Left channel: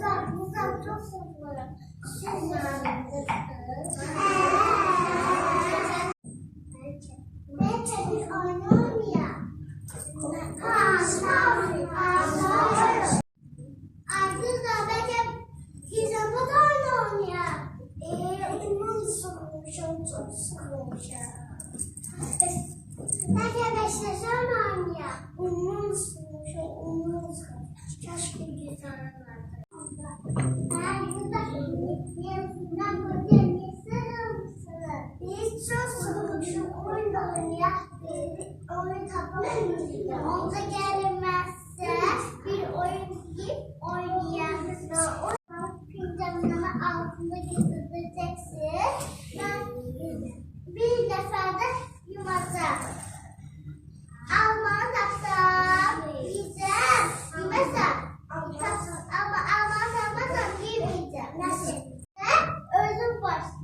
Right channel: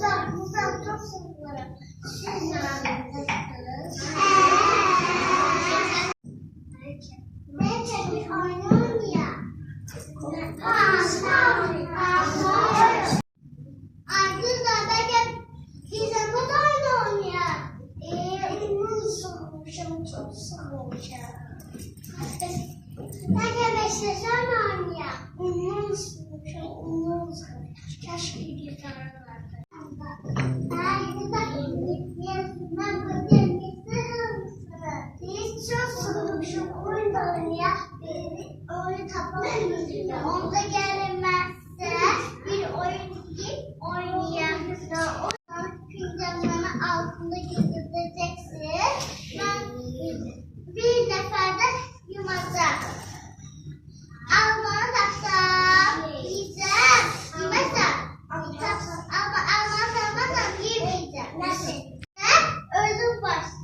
çok seviyorum. Siz neredesiniz? Mete bir oynuyorum ya. Arkadaşlar Mete bize bu da oynuyor. Oyunun sormuşum, çok sormuşum. Mete beşleşen oynuyor. Oyunun sormuşum, oyunun sormuşum. Keşke güzel vardı. Biz çok sormuşum, oyun oynuyor. Oyun tapamayız. Onda gelmezse bir oyun gibi oynayalım. Pincemin altında gizleyeceksin. Bir neferde yumasa. Alman taksam. Yiyeceğim. Yemezsem. Ama almazsam yemeyeceğim. Nasıl? Özüm başlayacağım.